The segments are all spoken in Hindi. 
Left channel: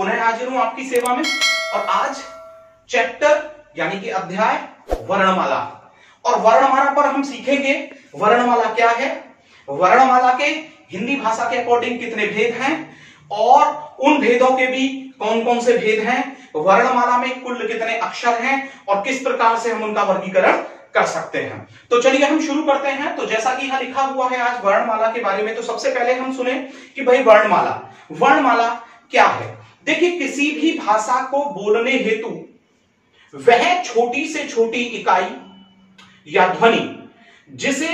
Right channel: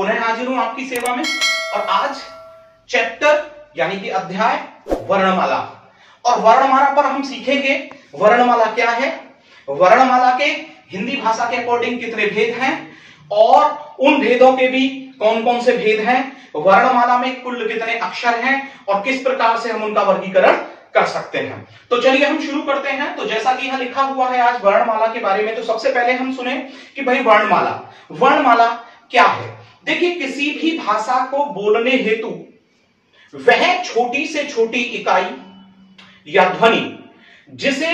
पुनः हाजिर हूं आपकी सेवा में। और आज चैप्टर यानी कि अध्याय वर्णमाला, और वर्णमाला पर हम सीखेंगे वर्णमाला क्या है, वर्णमाला के हिंदी भाषा के अकॉर्डिंग कितने भेद हैं और उन भेदों के भी कौन कौन से भेद हैं, वर्णमाला में कुल कितने अक्षर हैं और किस प्रकार से हम उनका वर्गीकरण कर सकते हैं। तो चलिए हम शुरू करते हैं। तो जैसा कि यहां लिखा हुआ है आज वर्णमाला के बारे में, तो सबसे पहले हम सुने कि भाई वर्णमाला क्या है। देखिए, किसी भी भाषा को बोलने हेतु वह छोटी से छोटी इकाई या ध्वनि जिसे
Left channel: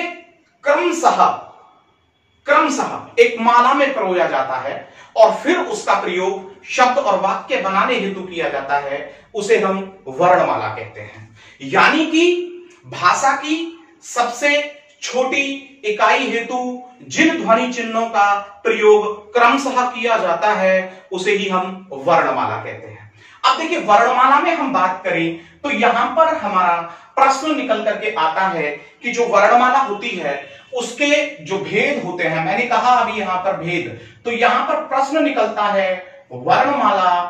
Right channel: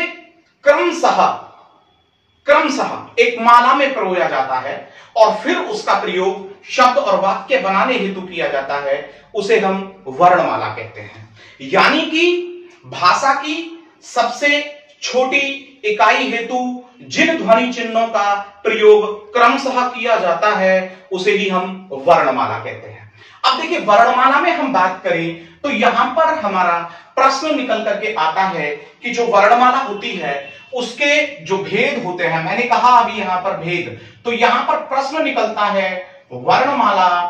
क्रमशः एक माला में परोया जाता है और फिर उसका प्रयोग शब्द और वाक्य बनाने हेतु किया जाता है, उसे हम वर्णमाला कहते हैं। यानी कि भाषा की सबसे छोटी इकाई हेतु जिन ध्वनि चिन्हों का प्रयोग क्रमशः किया जाता है उसे ही हम वर्णमाला कहते हैं। अब देखिए, वर्णमाला में हम बात करें तो यहां पर हमारा प्रश्न निकल करके आता है कि जो वर्णमाला होती है उसके जो भेद होते हैं, मैंने कहा अभी यहां पर भेद, तो यहां पर प्रश्न निकलता है वर्णमाला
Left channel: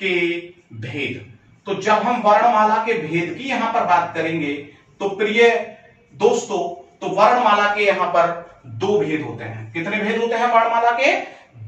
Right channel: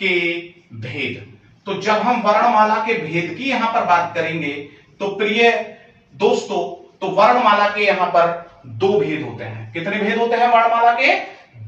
के भेद। तो जब हम वर्णमाला के भेद की यहां पर बात करेंगे तो प्रिय दोस्तों, तो वर्णमाला के यहां पर दो भेद होते हैं। कितने भेद होते हैं वर्णमाला के?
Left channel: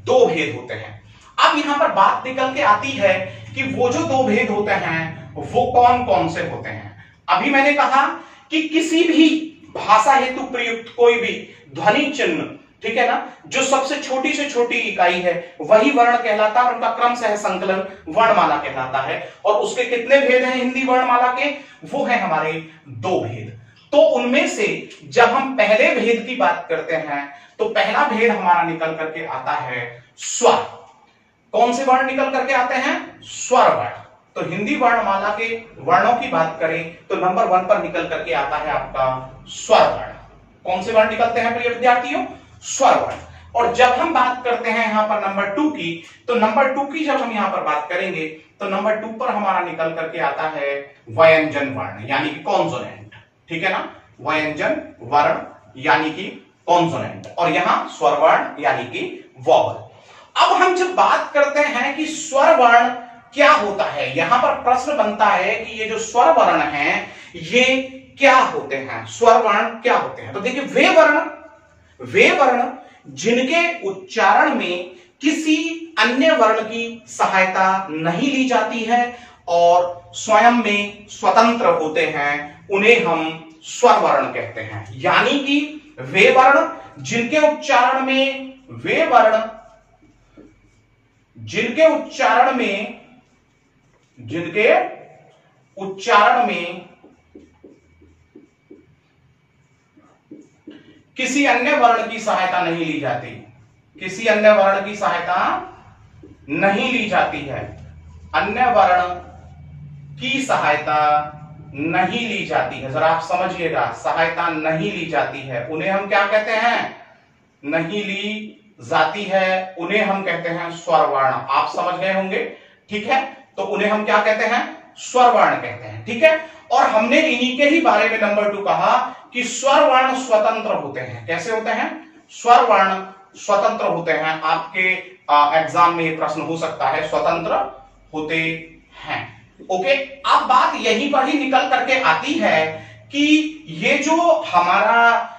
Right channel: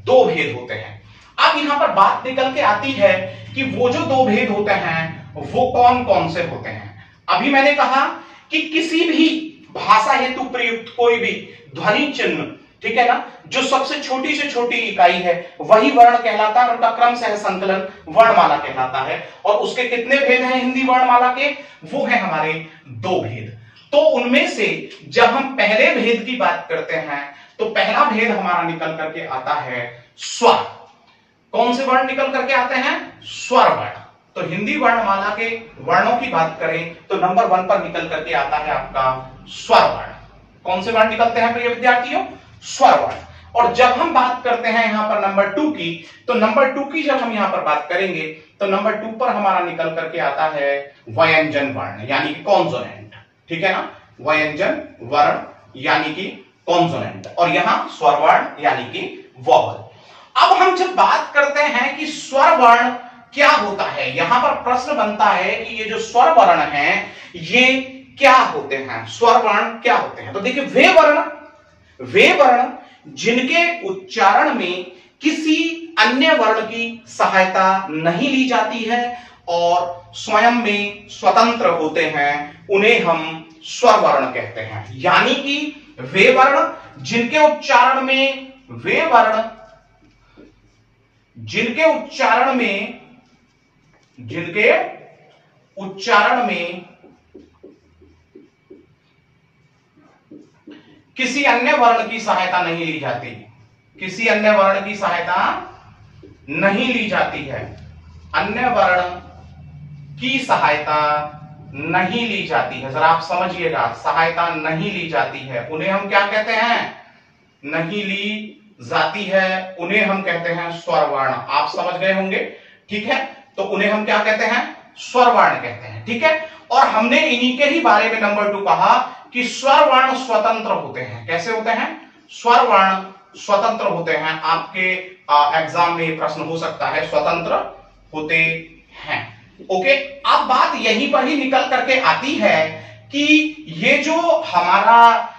दो भेद होते हैं। अब यहां पर बात निकल के आती है कि वो जो दो भेद होते हैं वो कौन कौन से होते हैं। अभी मैंने कहा कि किसी भी भाषा हेतु प्रयुक्त कोई भी ध्वनि चिन्ह, ठीक है ना, जो सबसे छोटी से छोटी इकाई है वही वर्ण कहलाता है, उनका क्रम सह संकलन वर्णमाला कहलाता है। और उसके कितने भेद हैं हिंदी वर्णमाला के? वो है हमारे दो भेद। तो उनमें से जब हम पहले भेद की बात करते हैं तो पहला भेद हमारा निकल करके आता है स्वर। कौन से वर्ण निकल करके आते हैं? स्वर वर्ण। तो हिंदी वर्णमाला के वर्णों की बात करें तो नंबर 1 पर निकल करके आता है आपका स्वर वर्ण। कौन से वर्ण निकलते हैं प्रिय विद्यार्थियों? स्वर वर्ण। और जब हम बात करते हैं यहां पर नंबर 2 की, तो नंबर 2 की जब हम यहां पर बात करेंगे तो नंबर 2 पर हमारा निकल करके आता है व्यंजन वर्ण यानी कि कॉन्सोनेंट, ठीक है ना, व्यंजन वर्ण यानी कि कॉन्सोनेंट, और यहां स्वर वर्ण यानी कि वॉवल। अब हम जब बात करते हैं कि स्वर वर्ण क्या होता है, यहां पर प्रश्न बनता है कि ये जो स्वर वर्ण हैं ये क्या होते हैं, स्वर वर्ण क्या होते हैं। तो देखिए, वे वर्ण जिनके उच्चारण में किसी अन्य वर्ण की सहायता नहीं ली जाती है और स्वयं में स्वतंत्र होते हैं, उन्हें हम स्वर वर्ण कहते हैं। यानी कि वे वर्ण जिनके उच्चारण में किसी अन्य वर्ण की सहायता नहीं ली जाती, किसी अन्य वर्ण की सहायता नहीं ली जाती है, अन्य वर्ण की सहायता नहीं ली जाती है, जरा आप समझिएगा, सहायता नहीं ली जाती है, उन्हें हम क्या कहते हैं? नहीं ली जाती है, उन्हें हम कहते हैं स्वर वर्ण। आप समझ गए होंगे, ठीक है। तो उन्हें हम क्या कहते हैं? स्वर वर्ण कहते हैं, ठीक है। और हमने इन्हीं के ही बारे में नंबर 2 कहा कि स्वर वर्ण स्वतंत्र होते हैं। कैसे होते हैं? स्वर वर्ण स्वतंत्र होते हैं। आपके एग्जाम में प्रश्न हो सकता है, स्वतंत्र होते हैं। ओके, अब बात यहीं पर ही निकल करके आती है कि ये जो हमारा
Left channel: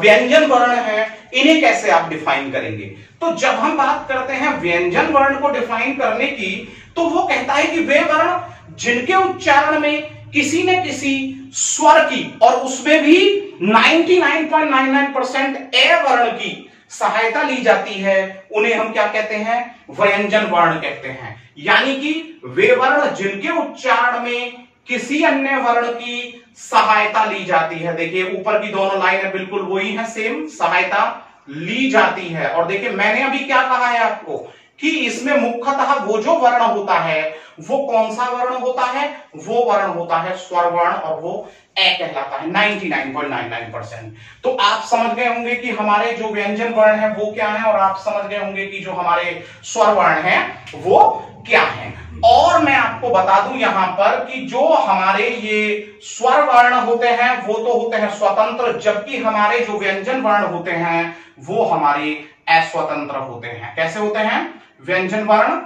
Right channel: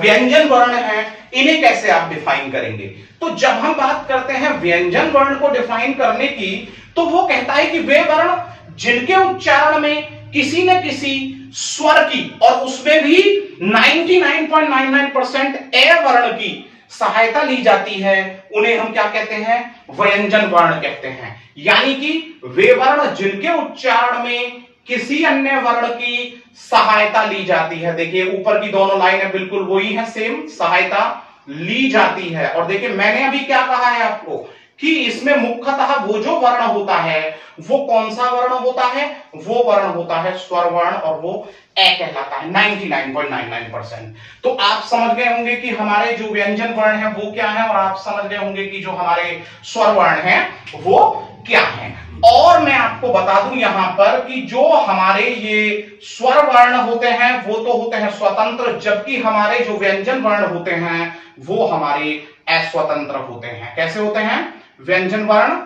व्यंजन वर्ण है इन्हें कैसे आप डिफाइन करेंगे। तो जब हम बात करते हैं व्यंजन वर्ण को डिफाइन करने की, तो वो कहता है कि वे वर्ण जिनके उच्चारण में किसी न किसी स्वर की, और उसमें भी 99.99% ए वर्ण की सहायता ली जाती है, उन्हें हम क्या कहते हैं? व्यंजन वर्ण कहते हैं। यानी कि वे वर्ण जिनके उच्चारण में किसी अन्य वर्ण की सहायता ली जाती है। देखिए, ऊपर की दोनों लाइनें बिल्कुल वही है, सेम, सहायता ली जाती है। और देखिए, मैंने अभी क्या कहा है आपको कि इसमें मुख्यतः वो जो वर्ण होता है वो कौन सा वर्ण होता है? वो वर्ण होता है स्वर वर्ण, और वो ए कहलाता है 99.99%। तो आप समझ गए होंगे कि हमारे जो व्यंजन वर्ण है वो क्या है, और आप समझ गए होंगे कि जो हमारे स्वर वर्ण है वो क्या है। और मैं आपको बता दूं यहां पर कि जो हमारे ये स्वर वर्ण होते हैं वो तो होते हैं स्वतंत्र, जबकि हमारे जो व्यंजन वर्ण होते हैं वो हमारे अस्वतंत्र होते हैं। कैसे होते हैं? व्यंजन वर्ण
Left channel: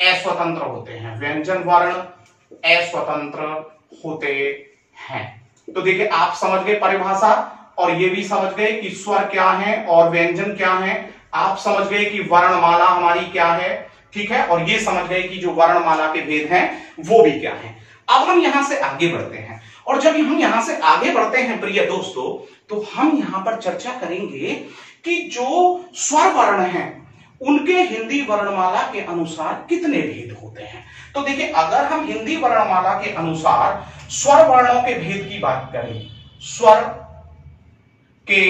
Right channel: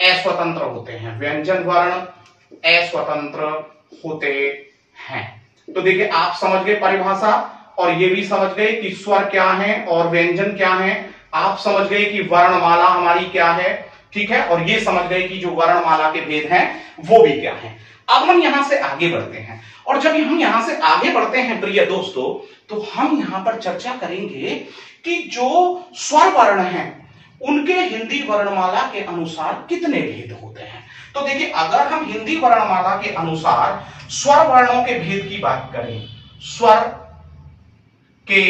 अस्वतंत्र होते हैं, व्यंजन वर्ण अस्वतंत्र होते हैं। तो देखिए आप समझ गए परिभाषा, और ये भी समझ गए कि स्वर क्या है और व्यंजन क्या है। आप समझ गए कि वर्णमाला हमारी क्या है, ठीक है, और ये समझ गए कि जो वर्णमाला के भेद हैं वो भी क्या है। अब हम यहां से आगे बढ़ते हैं, और जब हम यहां से आगे बढ़ते हैं प्रिय दोस्तों, तो हम यहां पर चर्चा करेंगे कि जो स्वर वर्ण हैं उनके हिंदी वर्णमाला के अनुसार कितने भेद होते हैं। तो देखिए अगर हम हिंदी वर्णमाला के अनुसार स्वर वर्णों के भेद की बात करें, स्वर के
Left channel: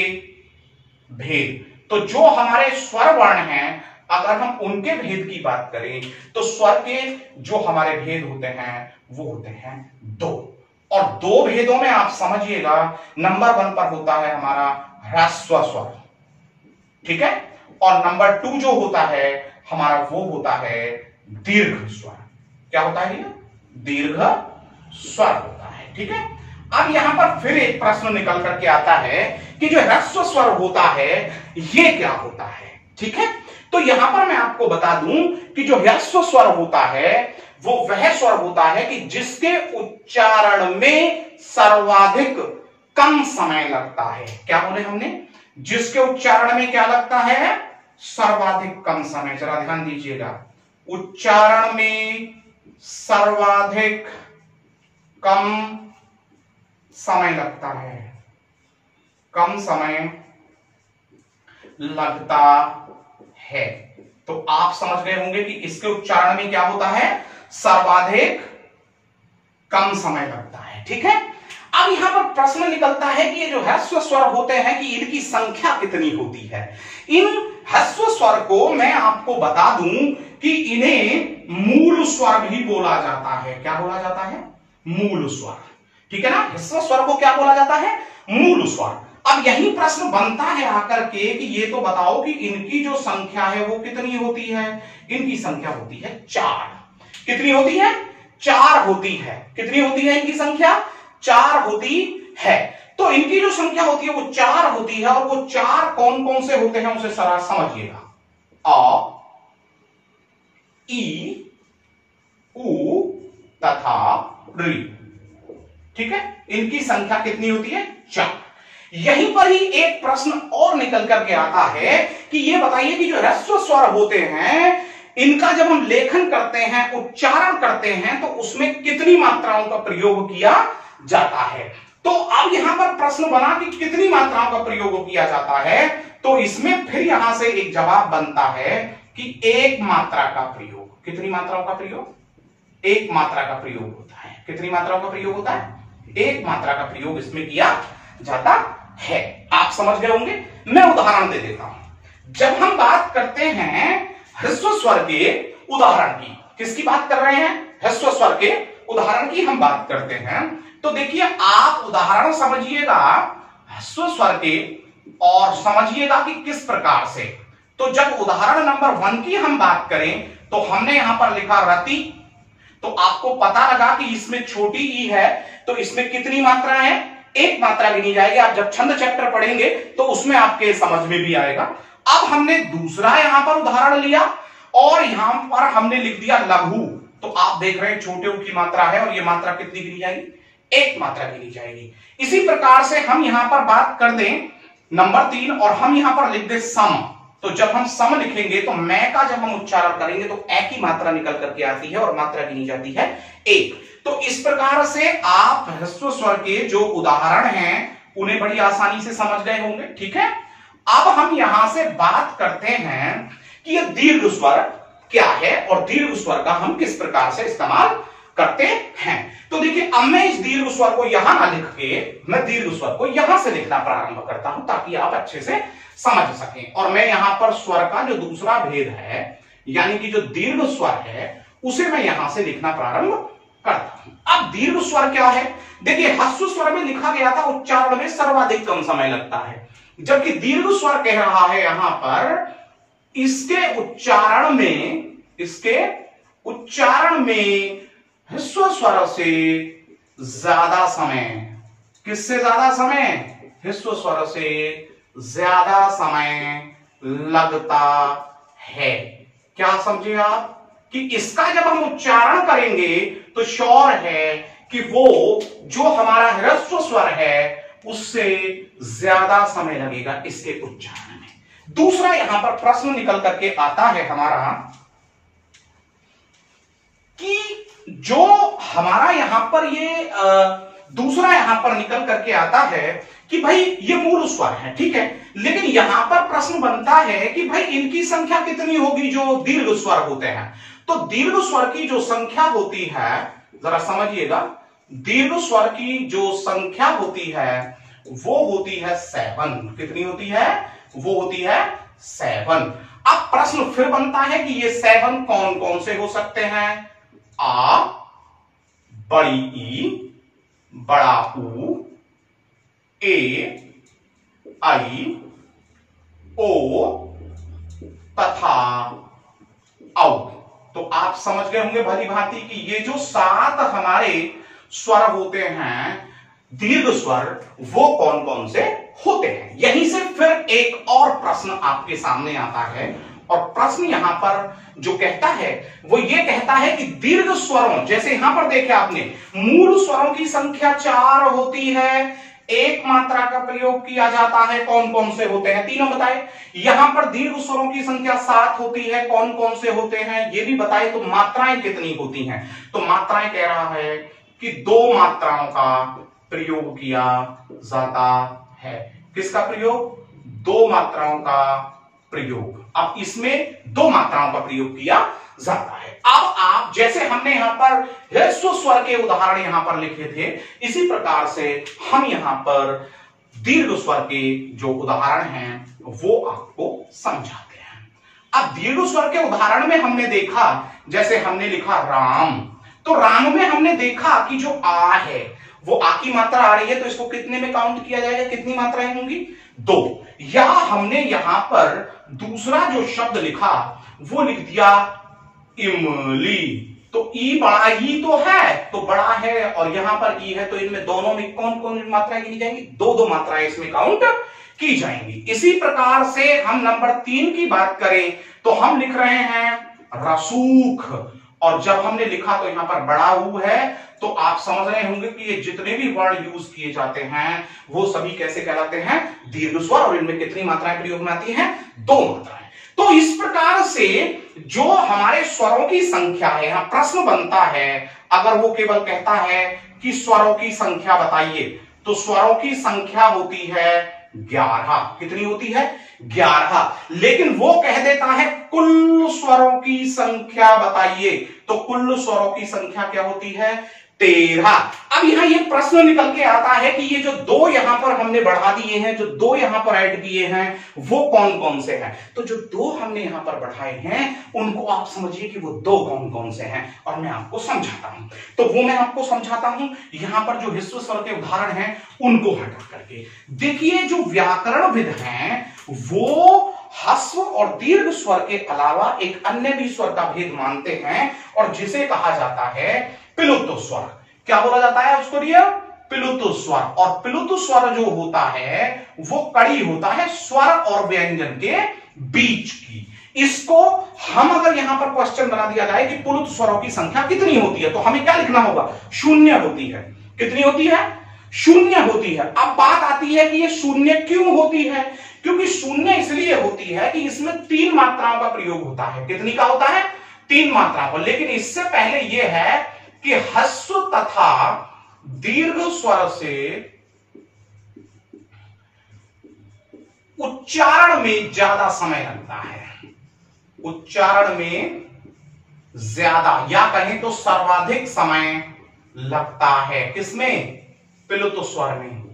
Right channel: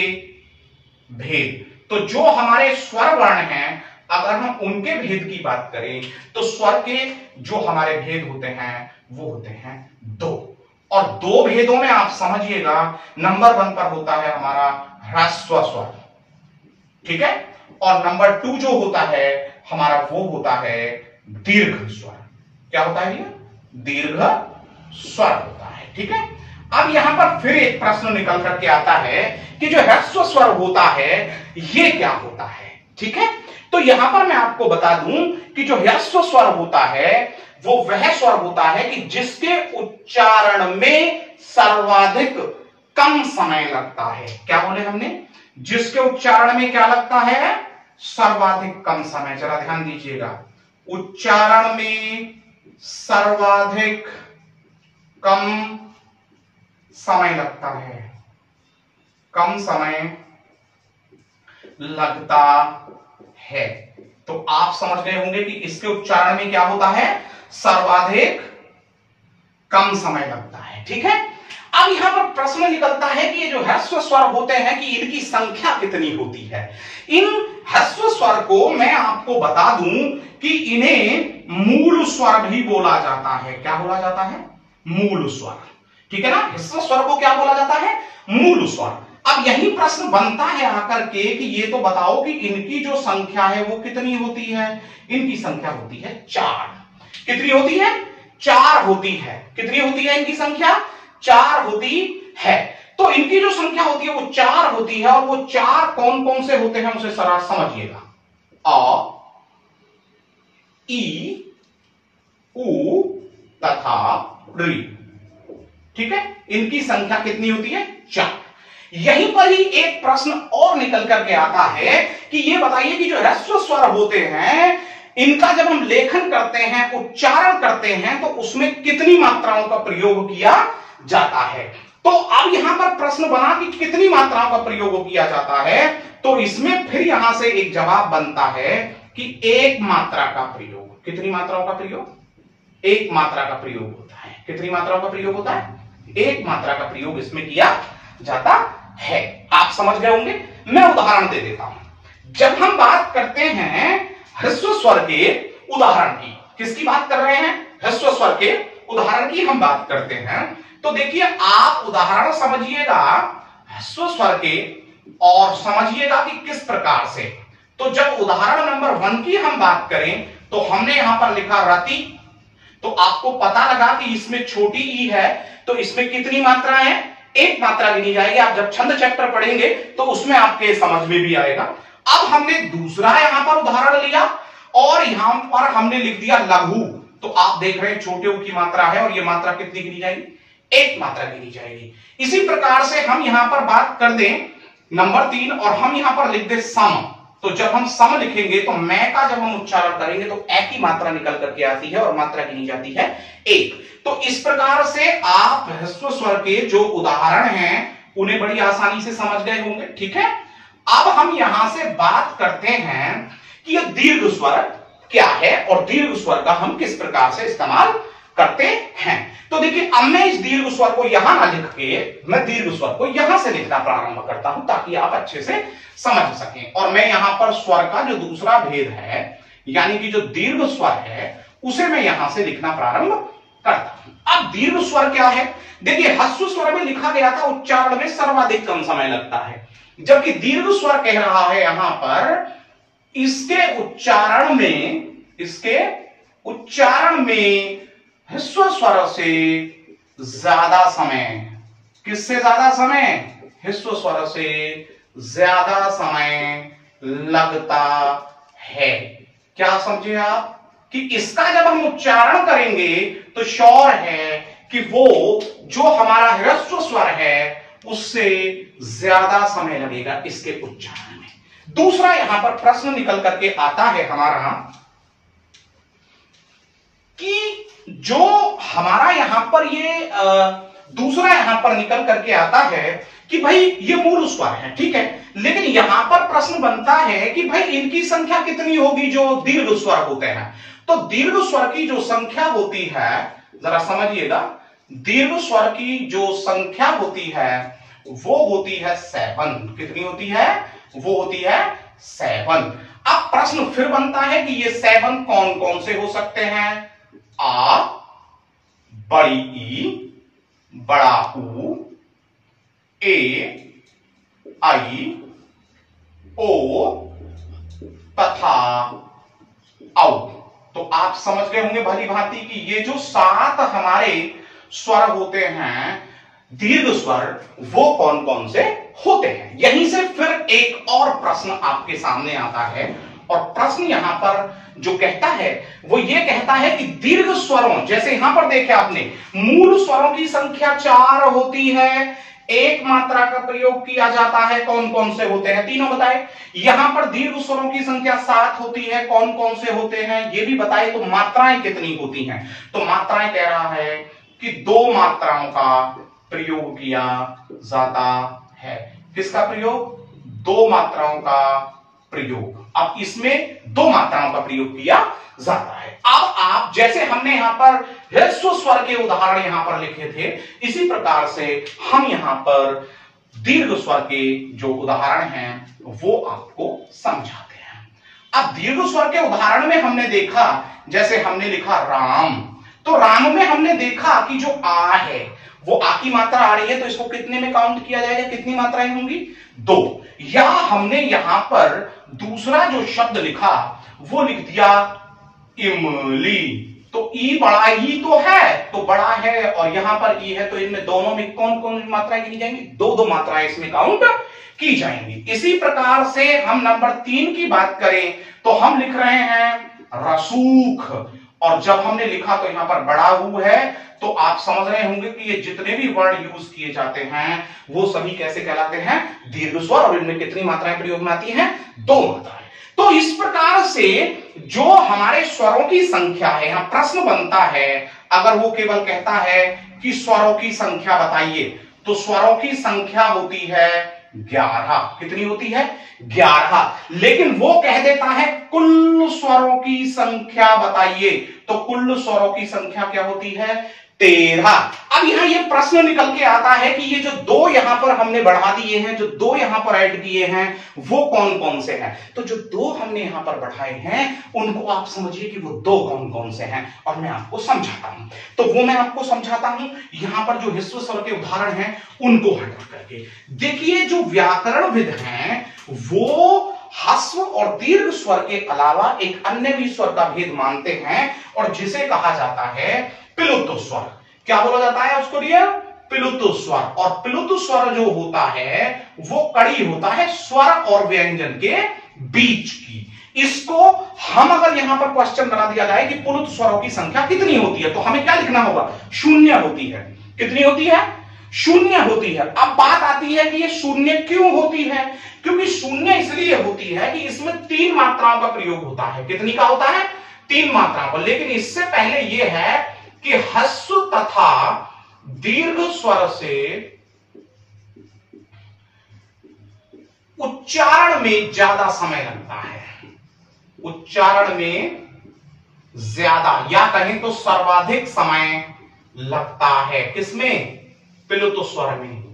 भेद, तो जो हमारे स्वर वर्ण हैं अगर हम उनके भेद की बात करें तो स्वर के जो हमारे भेद होते हैं वो होते हैं 2, और 2 भेदों में आप समझिएगा नंबर 1 पर होता है हमारा ह्रस्व स्वर, ठीक है, और नंबर 2 जो होता है हमारा वो होता है दीर्घ स्वर। क्या होता है ये? दीर्घ स्वर होता है, ठीक है। अब यहां पर फिर एक प्रश्न निकल करके आता है कि जो ह्रस्व स्वर होता है ये क्या होता है, ठीक है। तो यहां पर मैं आपको बता दूं कि जो ह्रस्व स्वर होता है वो वह स्वर होता है कि जिसके उच्चारण में सर्वाधिक कम समय लगता है। क्या बोले हमने? जिसके उच्चारण में क्या लगता है? सर्वाधिक कम समय। जरा ध्यान दीजिएगा, उच्चारण में सर्वाधिक कम समय लगता है, कम समय लगता है। तो आप समझ गए होंगे कि इसके उच्चारण में क्या होता है? सर्वाधिक कम समय लगता है, ठीक है। अब यहां पर प्रश्न निकलता है कि ये जो ह्रस्व स्वर होते हैं कि इनकी संख्या कितनी होती है। इन ह्रस्व स्वर को मैं आपको बता दूं कि इन्हें मूल स्वर भी बोला जाता है। क्या बोला जाता है? मूल स्वर, ठीक है ना। ह्रस्व स्वर को क्या बोला जाता है? मूल स्वर। अब यही प्रश्न बनता है आकर के कि ये तो बताओ कि इनकी जो संख्या है वो कितनी होती है। इनकी संख्या होती है 4। कितनी होती है? 4 होती है। कितनी होती है इनकी संख्या? 4 होती है। तो इनकी जो संख्या होती है वो 4 होती है, और वो 4 कौन कौन से होते हैं उसे जरा समझिएगा। अ, ई, उ तथा ऋ, ठीक है। इनकी संख्या कितनी होती है? 4। यहीं पर ही एक प्रश्न और निकल करके आता है कि ये बताइए कि जो ह्रस्व स्वर होते हैं इनका जब हम लेखन करते हैं, उच्चारण करते हैं, तो उसमें कितनी मात्राओं का प्रयोग किया जाता है। तो अब यहां पर प्रश्न बना कि कितनी मात्राओं का प्रयोग किया जाता है, तो इसमें फिर यहां से एक जवाब बनता है कि 1 मात्रा का प्रयोग। कितनी मात्राओं का प्रयोग? 1 मात्रा का प्रयोग होता है। कितनी मात्राओं का प्रयोग होता है? 1 मात्रा का प्रयोग इसमें किया जाता है। आप समझ गए होंगे। मैं उदाहरण दे देता हूं। जब हम बात करते हैं ह्रस्व स्वर के उदाहरण की, किसकी बात कर रहे हैं? ह्रस्व स्वर के उदाहरण की हम बात करते हैं। तो देखिए आप उदाहरण समझिएगा ह्रस्व स्वर के, और समझिएगा कि किस प्रकार से। तो जब उदाहरण नंबर 1 की हम बात करें तो हमने यहां पर लिखा रति। तो आपको पता लगा कि इसमें छोटी ई है, तो इसमें कितनी मात्रा है? 1 मात्रा गिनी जाएगी। आप जब छंद चैप्टर पढ़ेंगे तो उसमें आपके समझ में भी आएगा। अब हमने दूसरा यहां पर उदाहरण लिया और यहां पर हमने लिख दिया लघु। तो आप देख रहे हैं छोटे ऊ की मात्रा है, और ये मात्रा कितनी गिनी जाएगी? 1 मात्रा गिनी जाएगी। इसी प्रकार से हम यहां पर बात कर दें नंबर 3, और हम यहां पर लिख दे सम। तो जब हम सम लिखेंगे तो मैं का जब हम उच्चारण करेंगे तो ए की मात्रा निकल करके आती है, और मात्रा गिनी जाती है 1। तो इस प्रकार से आप ह्रस्व स्वर के जो उदाहरण हैं उन्हें बड़ी आसानी से समझ गए होंगे, ठीक है। अब हम यहां से बात करते हैं कि यह दीर्घ स्वर क्या है, और दीर्घ स्वर का हम किस प्रकार से इस्तेमाल करते हैं। तो देखिए अब मैं इस दीर्घ स्वर को यहां ना लिख के मैं दीर्घ स्वर को यहां से लिखना प्रारंभ करता हूं, ताकि आप अच्छे से समझ सकें। और मैं यहां पर स्वर का जो दूसरा भेद है, यानी कि जो दीर्घ स्वर है, उसे मैं यहां से लिखना प्रारंभ करता हूं। अब दीर्घ स्वर क्या है? देखिए ह्रस्व स्वर में लिखा गया था उच्चारण में सर्वाधिक कम समय लगता है, जबकि दीर्घ स्वर कह रहा है यहां पर इसके उच्चारण में ह्रस्व स्वर से ज्यादा समय। किससे ज्यादा समय? ह्रस्व स्वर से ज्यादा समय लगता है। क्या समझे आप? कि इसका जब हम उच्चारण करेंगे तो श्योर है कि वो जो हमारा ह्रस्व स्वर है उससे ज्यादा समय लगेगा इसके उच्चारण में। दूसरा यहां पर प्रश्न निकल करके आता है हमारा कि जो हमारा यहां पर ये दूसरा यहां पर निकल करके आता है कि भाई ये मूल स्वर है, ठीक है, लेकिन यहां पर प्रश्न बनता है कि भाई इनकी संख्या कितनी होगी जो दीर्घ स्वर होते हैं। तो दीर्घ स्वर की जो संख्या होती है, जरा समझिएगा, दीर्घ स्वर की जो संख्या होती है वो होती है 7। कितनी होती है? वो होती है 7। अब प्रश्न फिर बनता है कि ये 7 कौन कौन से हो सकते हैं? आ, बड़ी ई, बड़ा ऊ, ए, आई, ओ तथा औ। तो आप समझ गए होंगे भली भांति कि ये जो 7 हमारे स्वर होते हैं दीर्घ स्वर, वो कौन कौन से होते हैं। यहीं से फिर एक और प्रश्न आपके सामने आता है, और प्रश्न यहां पर जो कहता है वो ये कहता है कि दीर्घ स्वरों, जैसे यहां पर देखे आपने, मूल स्वरों की संख्या 4 होती है, एक मात्रा का प्रयोग किया जाता है, कौन कौन से होते हैं? तीनों बताए। यहां पर दीर्घ स्वरों की संख्या 7 होती है, कौन कौन से होते हैं ये भी बताए। तो मात्राएं कितनी होती हैं? तो मात्राएं कह रहा है कि 2 मात्राओं का प्रयोग किया जाता है। किसका प्रयोग? 2 मात्राओं का प्रयोग। अब इसमें 2 मात्राओं का प्रयोग किया जाता है। अब आप, जैसे हमने यहां पर ह्रस्व स्वर के उदाहरण यहां पर लिखे थे, इसी प्रकार से हम यहां पर दीर्घ स्वर के जो उदाहरण हैं वो आपको समझाते हैं। अब दीर्घ स्वर के उदाहरण में हमने देखा, जैसे हमने लिखा राम, तो राम में हमने देखा कि जो आ है वो आ की मात्रा आ रही है, तो इसको कितने में काउंट किया जाएगा? कितनी मात्राएं होंगी? 2। या हमने यहां पर दूसरा जो शब्द लिखा वो लिख दिया इमली, तो ई बड़ा ही तो है, तो बड़ा है, और यहां पर ई है, तो इनमें दोनों में कौन कौन मात्राएं गिनी जाएंगी? 2 मात्राएं इसमें काउंट की जाएंगी। इसी प्रकार से हम नंबर 3 की बात करें तो हम लिख रहे हैं रसूख, और जब हमने लिखा तो यहां पर बड़ा हु है, तो आप समझ रहे होंगे कि ये जितने भी वर्ण यूज किए जाते हैं वो सभी कैसे कहलाते हैं? दीर्घ स्वर। और इनमें कितनी मात्राएं प्रयोग में आती हैं? 2 मात्राएं। तो इस प्रकार से जो हमारे स्वरों की संख्या है, यहां प्रश्न बनता है, अगर वो केवल कहता है कि स्वरों की संख्या बताइए, तो स्वरों की संख्या होती है 11। कितनी होती है? 11। लेकिन वो कह देता है कुल स्वरों की संख्या बताइए, तो कुल स्वरों की संख्या क्या होती है? 13। अब यहां ये प्रश्न निकल के आता है कि ये जो 2 यहां पर हमने बढ़ा दिए हैं, जो 2 यहां पर ऐड किए हैं, वो कौन कौन से हैं? तो जो 2 हमने यहां पर बढ़ाए हैं उनको आप समझिए कि वो 2 कौन कौन से हैं, और मैं आपको समझाता हूं। तो वो मैं आपको समझाता हूं, यहां पर जो ह्रस्व स्वर के उदाहरण हैं उनको हटा करके देखिए। जो व्याकरणविद हैं वो ह्रस्व और दीर्घ स्वर के अलावा एक अन्य भी स्वर का भेद मानते हैं, और जिसे कहा जाता है प्लुत स्वर। क्या बोला जाता है उसको? डियर, प्लुत स्वर। और प्लुत स्वर जो होता है वो कड़ी होता है स्वर और व्यंजन के बीच की। इसको हम अगर यहां पर क्वेश्चन बना दिया जाए कि प्लुत स्वरों की संख्या कितनी होती है, तो हमें क्या लिखना होगा? 0 होती है। कितनी होती है? 0 होती है। अब बात आती है कि ये 0 क्यों होती है? क्योंकि 0 इसलिए होती है कि इसमें 3 मात्राओं का प्रयोग होता है। कितनी का होता है? 3 मात्राओं का। लेकिन इससे पहले यह है कि ह्रस्व तथा दीर्घ स्वर से उच्चारण में ज्यादा समय लगता है। उच्चारण में ज्यादा, या कहें तो सर्वाधिक समय लगता है। किसमें? प्लुत स्वर में।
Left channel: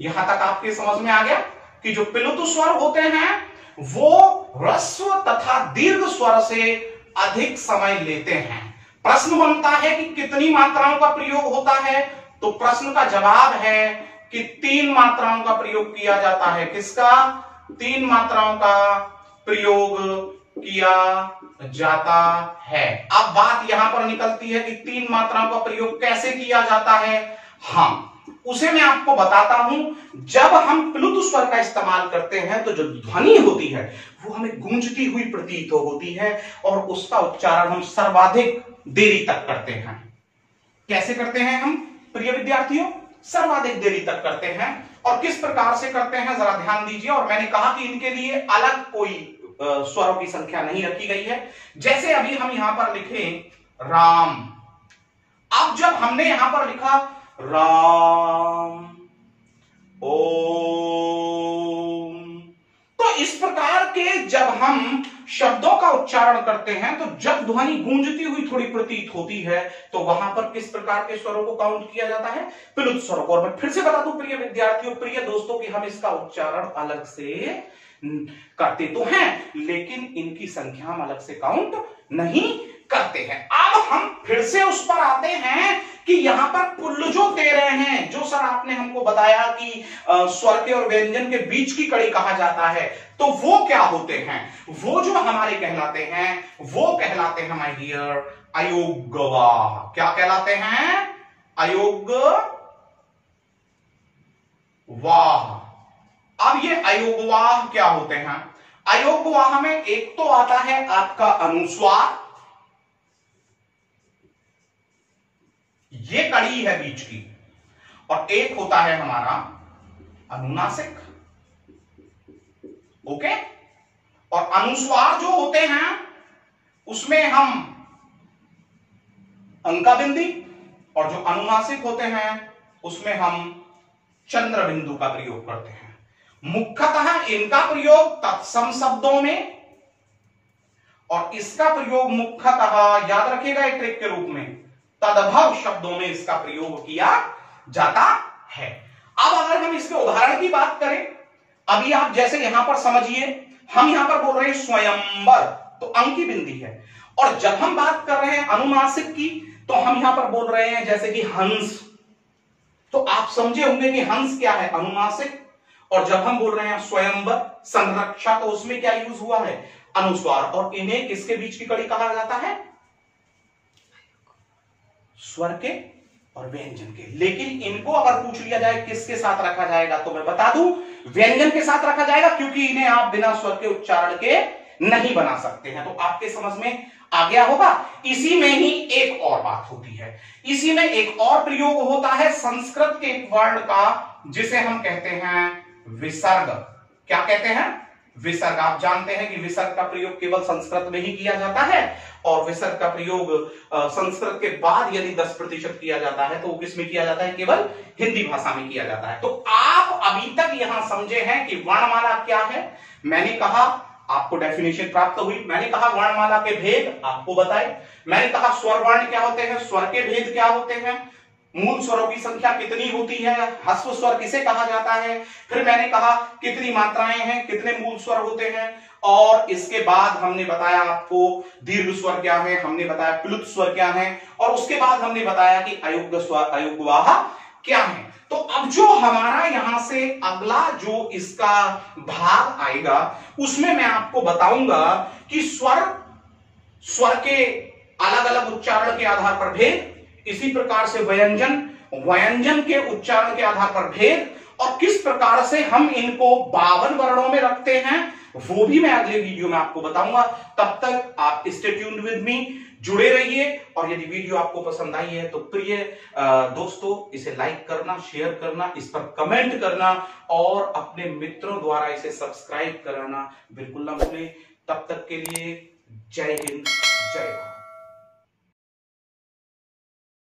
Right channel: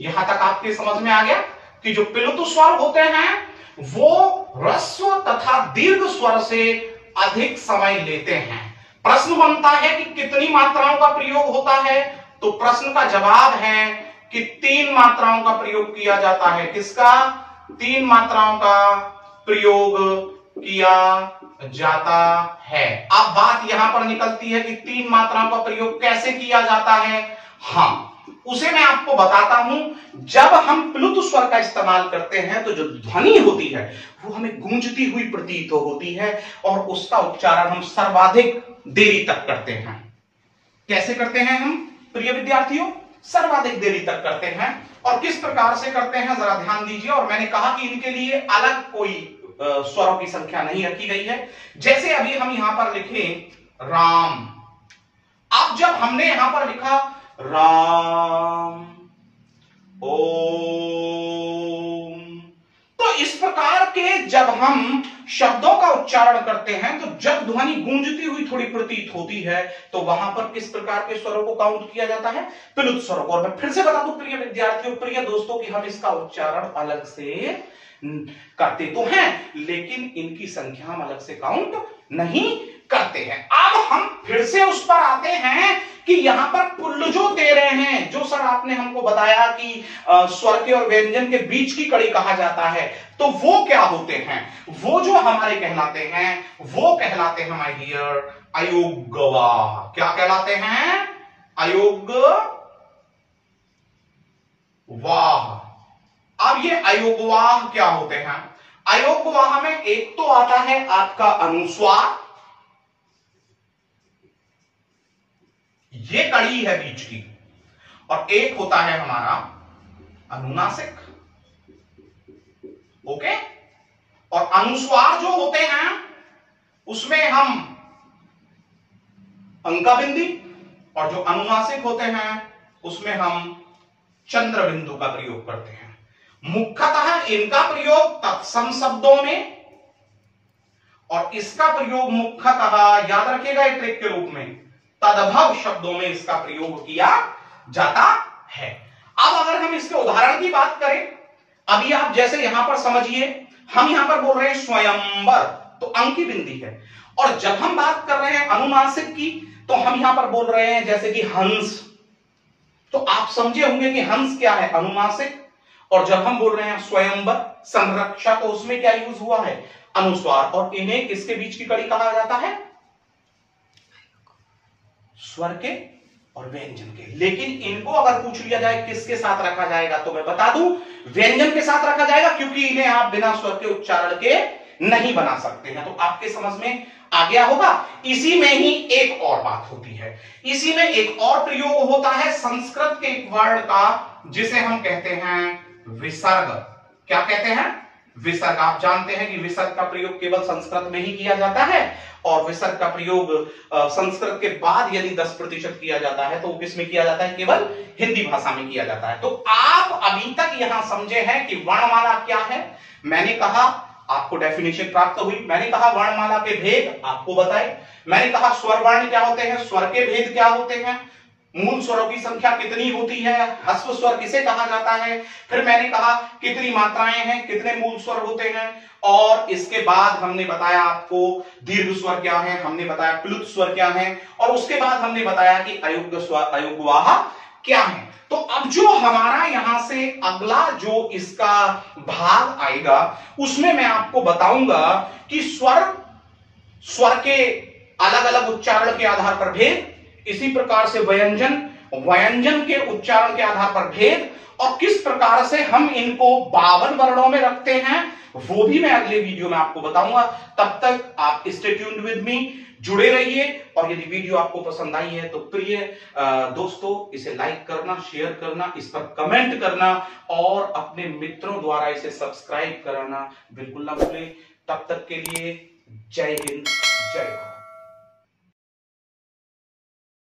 यहां तक आपके समझ में आ गया कि जो प्लुत स्वर होते हैं वो ह्रस्व तथा दीर्घ स्वर से अधिक समय लेते हैं। प्रश्न बनता है कि कितनी मात्राओं का प्रयोग होता है, तो प्रश्न का जवाब है कि 3 मात्राओं का प्रयोग किया जाता है। किसका? 3 मात्राओं का प्रयोग किया जाता है। अब बात यहां पर निकलती है कि 3 मात्राओं का प्रयोग कैसे किया जाता है। हाँ, उसे मैं आपको बताता हूं। जब हम प्लुत स्वर का इस्तेमाल करते हैं तो जो ध्वनि होती है वो हमें गूंजती हुई प्रतीत होती है और उसका उच्चारण हम सर्वाधिक देरी तक करते हैं। कैसे करते हैं हम प्रिय विद्यार्थियों? सर्वाधिक देरी तक करते हैं। और किस प्रकार से करते हैं जरा ध्यान दीजिए। और मैंने कहा कि इनके लिए अलग कोई स्वरों की संख्या नहीं रखी गई है। जैसे अभी हम यहां पर लिखे राम, अब जब हमने यहां पर लिखा राम ओम, तो इस प्रकार के जब हम शब्दों का उच्चारण करते हैं तो जब ध्वनि गूंजती हुई थोड़ी प्रतीत होती है तो वहां पर किस प्रकार के स्वरों को काउंट किया जाता है? प्लुत स्वरों को। और मैं फिर से बता दूं प्रिय विद्यार्थियों, प्रिय दोस्तों, कि हम इसका उच्चारण अलग से करते तो हैं लेकिन इनकी संख्या हम अलग से काउंट नहीं करते हैं। अब हम फिर से उस पर आते हैं कि यहां पर पुल्ल जो दे रहे हैं, जो सर आपने हमको बताया कि स्वर के और व्यंजन के बीच की कड़ी कहा जाता है, तो वो क्या होते हैं? वो जो हमारे कहलाते हैं वो कहलाते हैं माय डियर अयोगवाह। क्या कहलाते हैं? अयोगवाह। अब ये अयोगवाह क्या होते हैं? अयोगवाह में एक तो आता है आपका अनुस्वार, ये कड़ी है बीच की, और एक होता है हमारा अनुनासिक। ओके? और अनुस्वार जो होते हैं उसमें हम अंका बिंदी, और जो अनुनासिक होते हैं उसमें हम चंद्र बिंदु का प्रयोग करते हैं। मुख्यतः इनका प्रयोग तत्सम शब्दों में और इसका प्रयोग मुख्यतः याद रखिएगा एक ट्रिक के रूप में तदभव शब्दों में इसका प्रयोग किया जाता है। अब अगर हम इसके उदाहरण की बात करें, अभी आप जैसे यहां पर समझिए, हम यहां पर बोल रहे हैं स्वयंवर, तो अंकी बिंदी है। और जब हम बात कर रहे हैं अनुनासिक की तो हम यहां पर बोल रहे हैं जैसे कि हंस, तो आप समझे होंगे कि हंस क्या है? अनुनासिक। और जब हम बोल रहे हैं स्वयंवर संरक्षा, तो उसमें क्या यूज हुआ है? अनुस्वार। और इन्हें किसके बीच की कड़ी कहा जाता है? स्वर के और व्यंजन के। लेकिन इनको अगर पूछ लिया जाए किसके साथ रखा जाएगा, तो मैं बता दूं व्यंजन के साथ रखा जाएगा, क्योंकि इन्हें आप बिना स्वर के उच्चारण के नहीं बना सकते हैं। तो आपके समझ में आ गया होगा। इसी में ही एक और बात होती है, इसी में एक और प्रयोग होता है संस्कृत के एक वर्ण का, जिसे हम कहते हैं विसर्ग। क्या कहते हैं? विसर्ग। आप जानते हैं कि विसर्ग का प्रयोग केवल संस्कृत में ही किया जाता है, और विसर्ग का प्रयोग संस्कृत के बाद यदि 10% किया जाता है तो वो किसमें किया जाता है? केवल हिंदी भाषा में किया जाता है। तो आप अभी तक यहां समझे हैं कि वर्णमाला क्या है। मैंने कहा आपको डेफिनेशन प्राप्त हुई, मैंने कहा वर्णमाला के भेद आपको बताए, मैंने कहा स्वर वर्ण क्या होते हैं, स्वर के भेद क्या होते हैं, मूल स्वरों की संख्या कितनी होती है, ह्रस्व स्वर किसे कहा जाता है, फिर मैंने कहा कितनी मात्राएं हैं, कितने मूल स्वर होते हैं, और इसके बाद हमने बताया आपको दीर्घ स्वर क्या है, हमने बताया प्लुत स्वर क्या है, और उसके बाद हमने बताया कि अयुग्म स्वर अयुग्मवाह क्या है। तो अब जो हमारा यहां से अगला जो इसका भाग आएगा उसमें मैं आपको बताऊंगा कि स्वर के अलग अलग उच्चारण के आधार पर भेद, इसी प्रकार से व्यंजन के उच्चारण के आधार पर भेद, और किस प्रकार से हम इनको 52 वर्णों में रखते हैं वो भी मैं अगले वीडियो में आपको बताऊंगा। तब तक आप स्टे ट्यून्ड विद मी, जुड़े रहिए। और यदि वीडियो आपको पसंद आई है तो प्रिय दोस्तों इसे लाइक करना, शेयर करना, इस पर कमेंट करना और अपने मित्रों द्वारा इसे सब्सक्राइब कराना बिल्कुल ना भूलें। तब तक के लिए जय हिंद।